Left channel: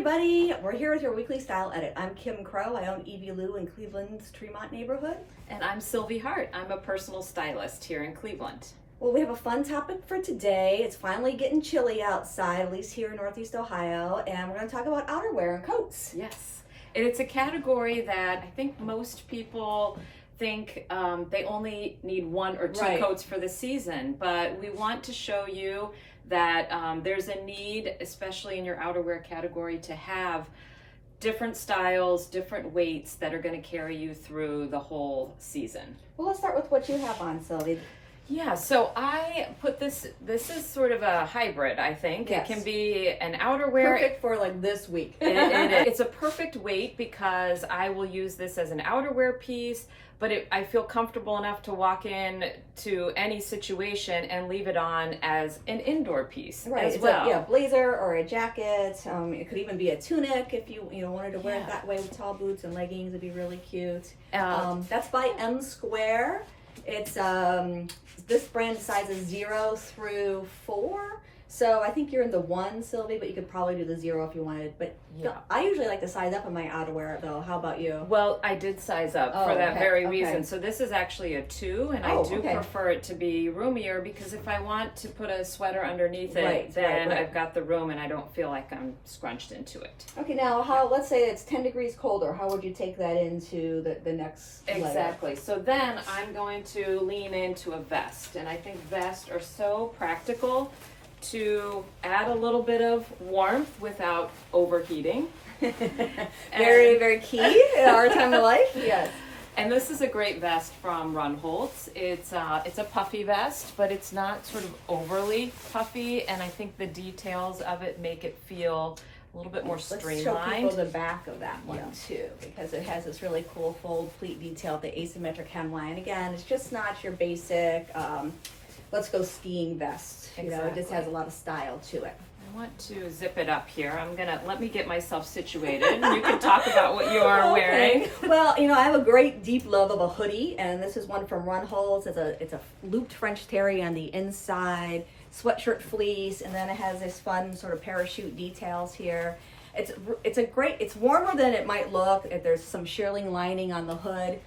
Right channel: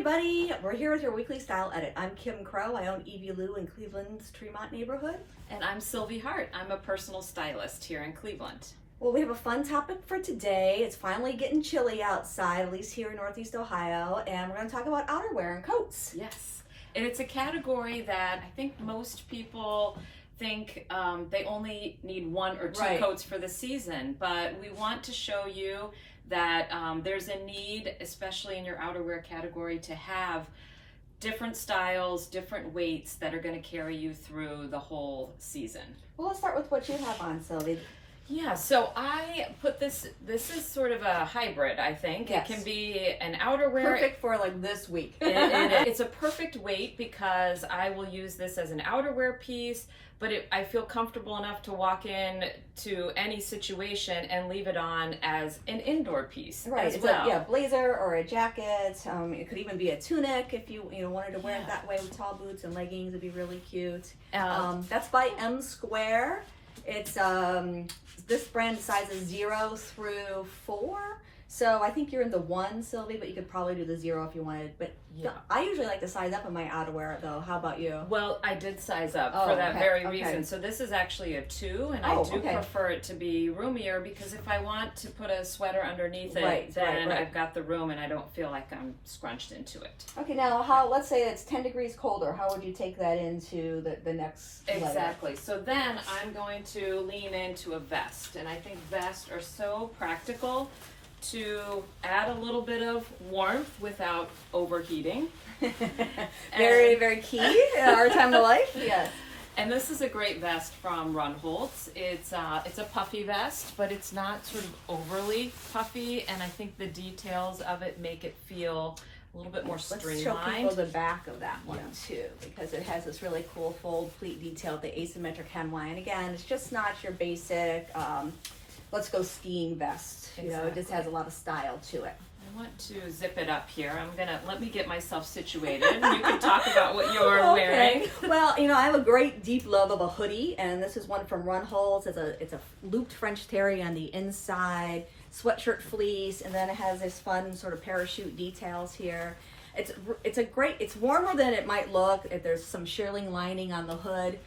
everybody, we're here with your weekly style edit. I'm Kim Crow. I own Evie Lou in Cleveland's Tremont neighborhood. And I'm Sylvie Hart. I'm a personal stylist here in Cleveland. Well, we have a fun topic for today. It's finally getting chilly outside, at least here in Northeast Ohio, and we're going to talk about outerwear and coats. Yes, and it's a category that I think most people think they only need one or two coats for the season, but we want to show you that there's a need, especially in your outerwear category, to have different styles, different weights that are going to carry you through the whole season. Well, let's start with what you have on, Sylvie. Yeah, so I put this is sort of a hybrid, I think. Yes. It can be an outerwear. Perfect for like this week. It's a perfect weight because I will use this as an outerwear piece, but I feel comfortable enough to walk in to any situation and leave it on as an indoor piece as well. Like, blazer or a jacket. It could even be a tunic if you wanted to wear it that way with tall boots and leggings. It'd be really cute. That's by M Square. It's this brand sizes 0 through 4. So I think you're in the 1, Sylvie, but you could probably do the 0 if you wanted. But I usually like to size up in my outerwear, though. How about you? Well, I did size up for that very reason. So this is actually a 2, and I do prefer it to be roomier because if I want to put a sweater underneath it, then I've got the room and I don't feel like I'm scrunched into it. Okay, now let's say it's 10 degrees colder. How would you take that into the next layer? Exactly. So then I'm going to lean into a vest, and I think vests are so practical to add a little bit of warmth without overheating. Very, very key in our time of life. Yes. And this is a great vest from Run Holtz. It's a puffy vest, but it's not sort of overly puffy, and I think the details of it make it feel a little bit more streamlined. Let's show people the back of that one too, because it has this really cool fold pleat detail, the asymmetric hemline. Again, it's just not your basic let's go skiing vest. You know, it just has a lot of style to it. I want to zip it up here. Let me get myself situated. You can talk about what you are wearing. Well, I have a great deep love of a hoodie, and this is one from Run Holtz. It's a looped French terry on the inside, sweatshirt fleece, and then it has this fun sort of parachute details here. It's warmer than it might look. There's some shearling lining on the hood.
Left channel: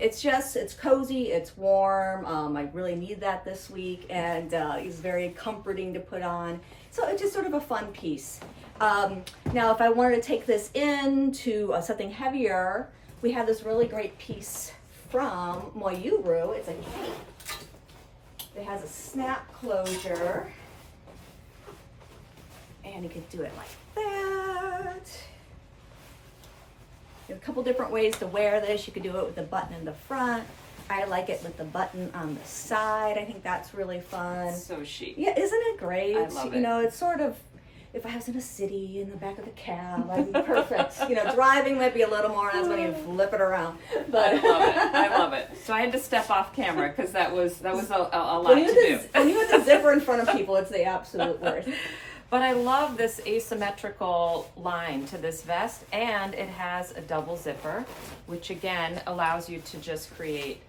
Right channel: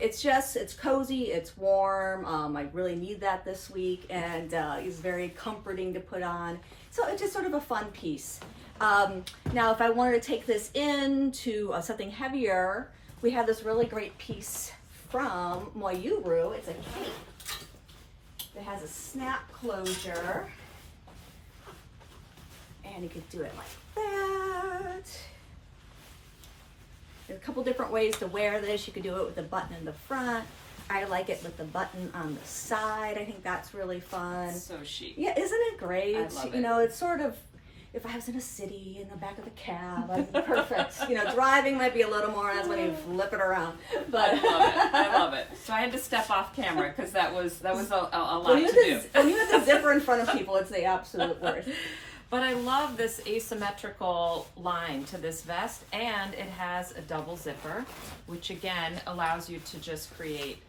It's cozy, it's warm. I really need that this week, and it's very comforting to put on. So it's just sort of a fun piece. Now, if I wanted to take this into something heavier, we have this really great piece from Outerwear. It's a cape. It has a snap closure, and you could do it like that. There's a couple different ways to wear this. You could do it with the button in the front. I like it with the button on the side. I think that's really fun. So chic. Yeah, isn't it great? I love it. It's sort of, if I was in a city in the back of the cab, I'd be perfect. Driving might be a little more, and that's when you flip it around. But I love it. So I had to step off camera because that was a lot to do. When you have the zipper in front of people, it's the absolute worst. But I love this asymmetrical line to this vest, and it has a double zipper, which again allows you to just create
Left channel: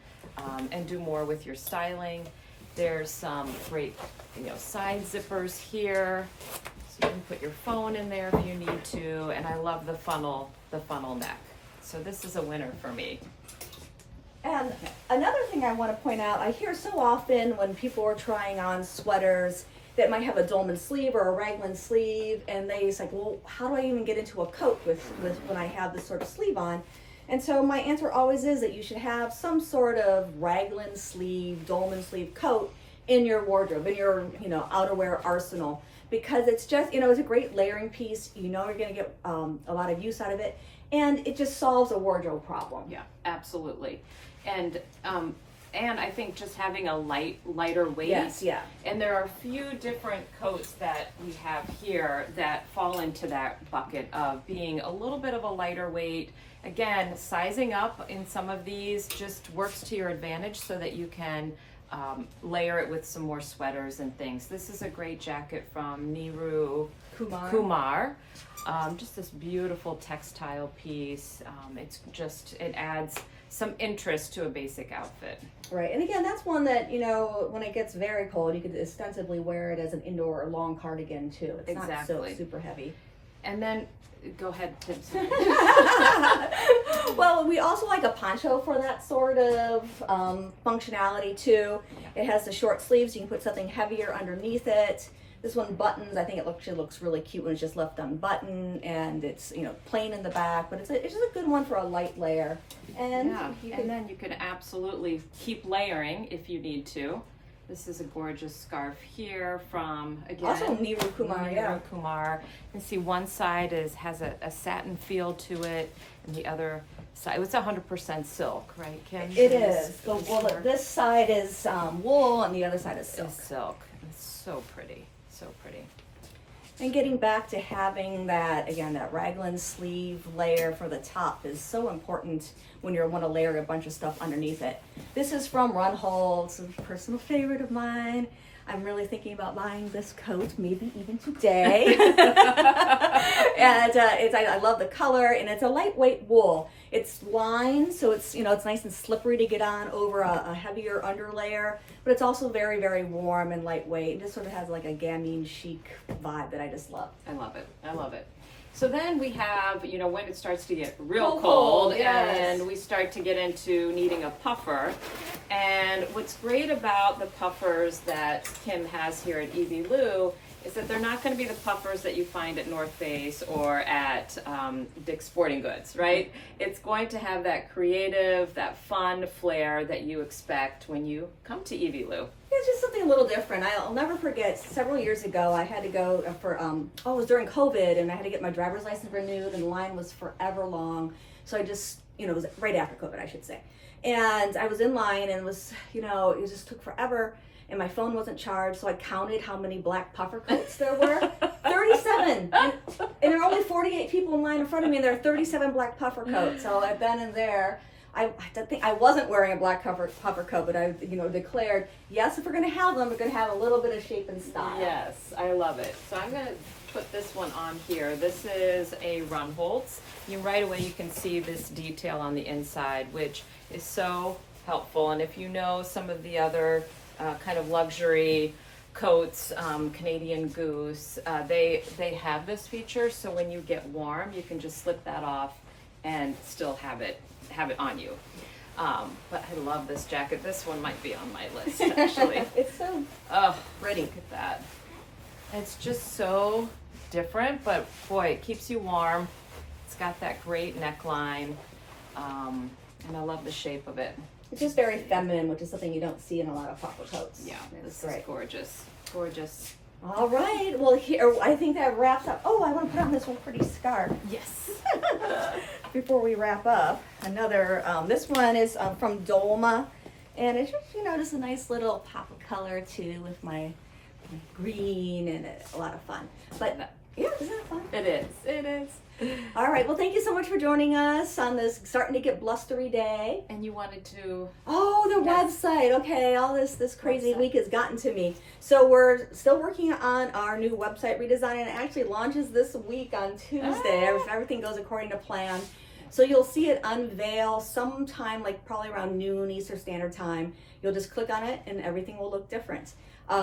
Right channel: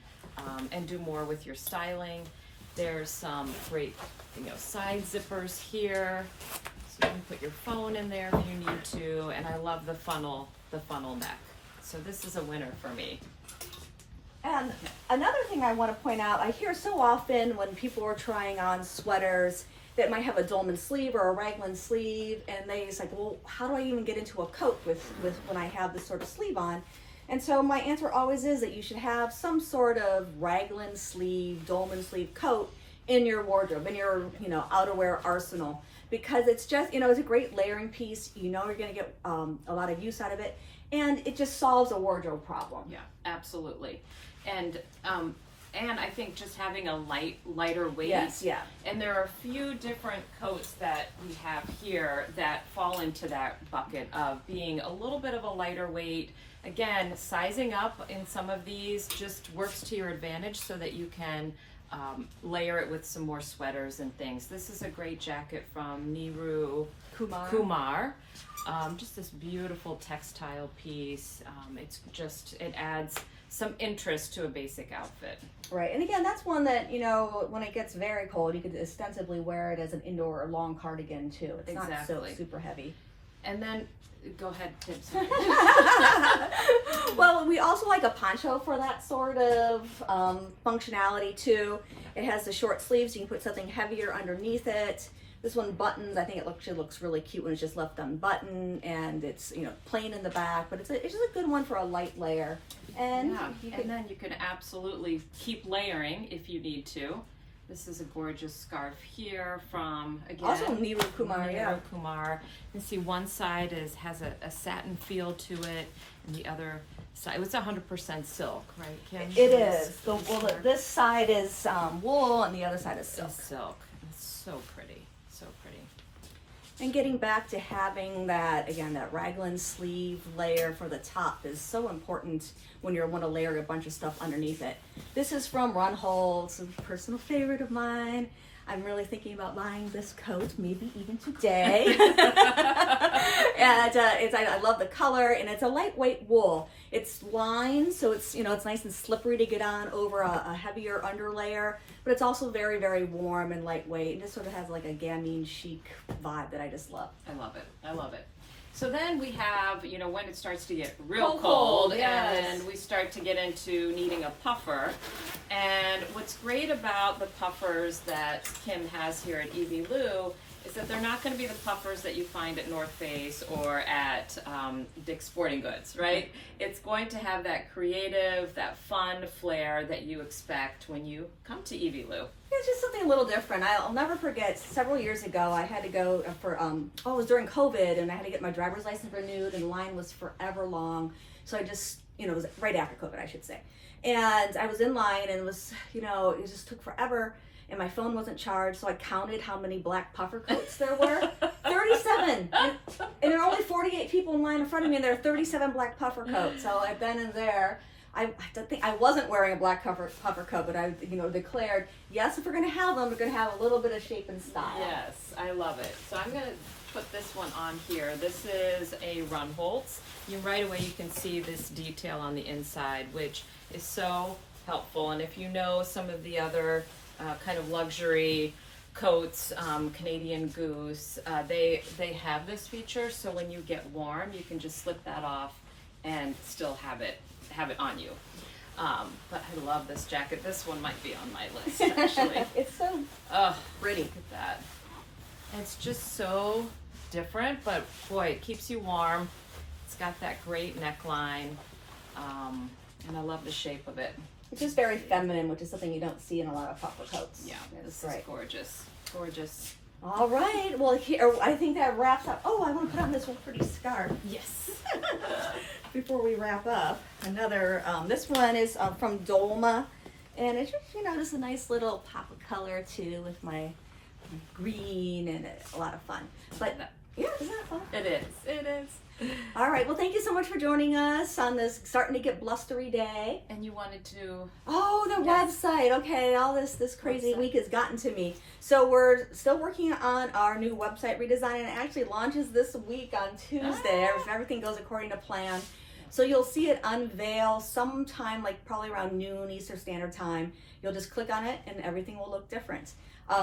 and do more with your styling. There's some great side zippers here, so you can put your phone in there if you need to, and I love the funnel neck. So this is a winner for me. And another thing I want to point out, I hear so often when people are trying on sweaters that might have a dolman sleeve or a raglan sleeve, and they say, well, how do I even get into a coat with when I have this sort of sleeve on? And so my answer always is that you should have some sort of raglan sleeve, dolman sleeve coat in your wardrobe, in your outerwear arsenal, because it's just it's a great layering piece. You're going to get a lot of use out of it, and it just solves a wardrobe problem. Yeah, absolutely. And I think just having a lighter weight. Yes, yeah. And there are a few different coats that we have here that fall into that bucket of being a little bit of a lighter weight. Again, sizing up in some of these just works to your advantage so that you can layer it with some more sweaters and things. This is a great jacket from Niru Kumar. Just this beautiful textile piece. It adds some interest to a basic outfit. Right, and again, that's one that, when it gets very cold, you could ostensibly wear it as an indoor or long cardigan too. It's not so super heavy. And then, go ahead, Tibbs. Well, we also like a poncho for that sort of functionality too. It has the short sleeves, you can put something heavier underneath it. This one buttons, I think it actually looks really cute when it's just left unbuttoned, and it's, you know, plain in the back, but it's just a good one for a light layer. And yeah, and then you can absolutely keep layering if you need to. This is a gorgeous scarf here from, again, also Niru Kumar. Niru Kumar. You can see one side has a satin feel to it, and the other side, it's 100% silk, right, Kim? It is. This side is wool, and the other side is silk. It's silk. It's so pretty, so pretty. And getting back to having that, again, that raglan sleeve layer for the top is so important when you want to layer a bunch of stuff underneath it. This is from Runhold. It's a personal favorite of mine. I'm really thinking about buying this coat, maybe even today. And I love the color, and it's a lightweight wool. It's lined, so it's, you know, it's nice and slippery to get on over a heavier underlayer, but it's also very, very warm and lightweight. It just sort of has like a gamine chic vibe that I just love. I love it. I love it. So then we have, you know, when it starts to get real Cold, cold, yes. and we start to get into needing a puffer. And what's great about the puffers that Kim has here at Evie Lou is that they're not going to be the puffers that you find at North Face or at Dick's Sporting Goods, right? It's going to have that creative, that fun flair that you expect when you come to Evie Lou. It's just something a little different. I'll never forget, several years ago, I had to go for, it was during COVID, and I had to get my driver's license renewed, and the line was forever long. So I just, you know, it was right after COVID, I should say. And I was in line, and it was, you know, it just took forever, and my phone wasn't charged, so I counted how many black puffer coats there were. 37! And there are only 48 people in line in front of me, and there are 37 black puffer coats. So I've been in there. I think I wasn't wearing a black puffer coat, but I, you know, declared, yes, if we're going to have them, we're going to have a little bit of shape and style. Yes, I love it. So I'm going to put this one on here. This is a Runholtz. Right away you can see this detail on the inside, which is so helpful. And if you know some of the other kind of luxury coats, Canadian Goose, they have this feature. So when you get warm, you can just slip that off and still have it on you. But I love this jacket. This one might be on my list, actually. It's so pretty. Look at that. It's just so different, but boy, it keeps you warm. It's got that great neckline, and I love the shape of it. It's just very feminine, which is something you don't see in a lot of puffer coats. Yeah, this is gorgeous. Gorgeous. All right. Well, here, I think that wraps up. Oh, I want to put on this one pretty scarf. Yes. Before we wrap up, another, this one is from Dolma, and it's just, you know, just a nice little pop of color too with my green, and it's a lot of fun. But yeah, isn't that fun? It is. It is. All right. Well, thank you so much for joining us on this starting to get blustery day. And you wanted to... Oh, the website. Okay, all this crazy Website. week has gotten to me. So we're still working on our new website redesign, and it actually launches this week on Tuesday. If everything goes according to plan. So you'll see it unveil sometime, like probably around noon Eastern Standard Time. You'll just click on it, and everything will look different. We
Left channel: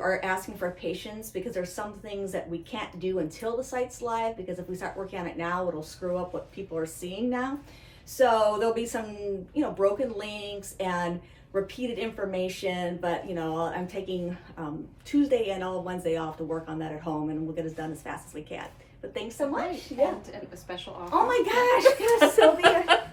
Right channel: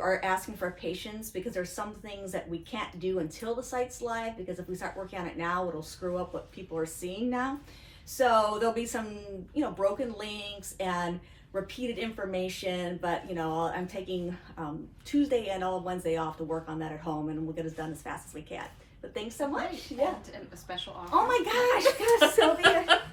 are asking for patience because there's some things that we can't do until the site's live, because if we start working on it now, it'll screw up what people are seeing now. So there'll be some, you know, broken links and repeated information, but, you know, I'm taking Tuesday and all of Wednesday off to work on that at home, and we'll get it done as fast as we can. But thanks so much. Yeah. And a special offer. Oh my gosh, Sylvia.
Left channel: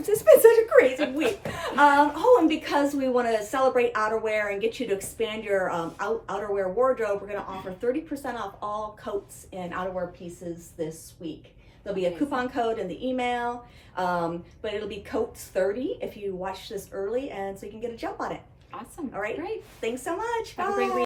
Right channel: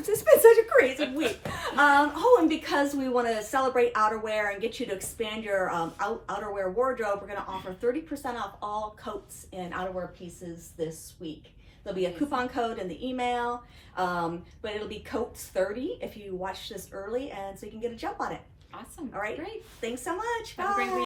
It's been such a crazy week. And because we want to celebrate outerwear and get you to expand your outerwear wardrobe, we're going to offer 30% off all coats and outerwear pieces this week. There'll be a coupon code in the email, but it'll be coats 30 if you watch this early, and so you can get a jump on it. Awesome. All right. Great. Thanks so much. Have a Bye. great week.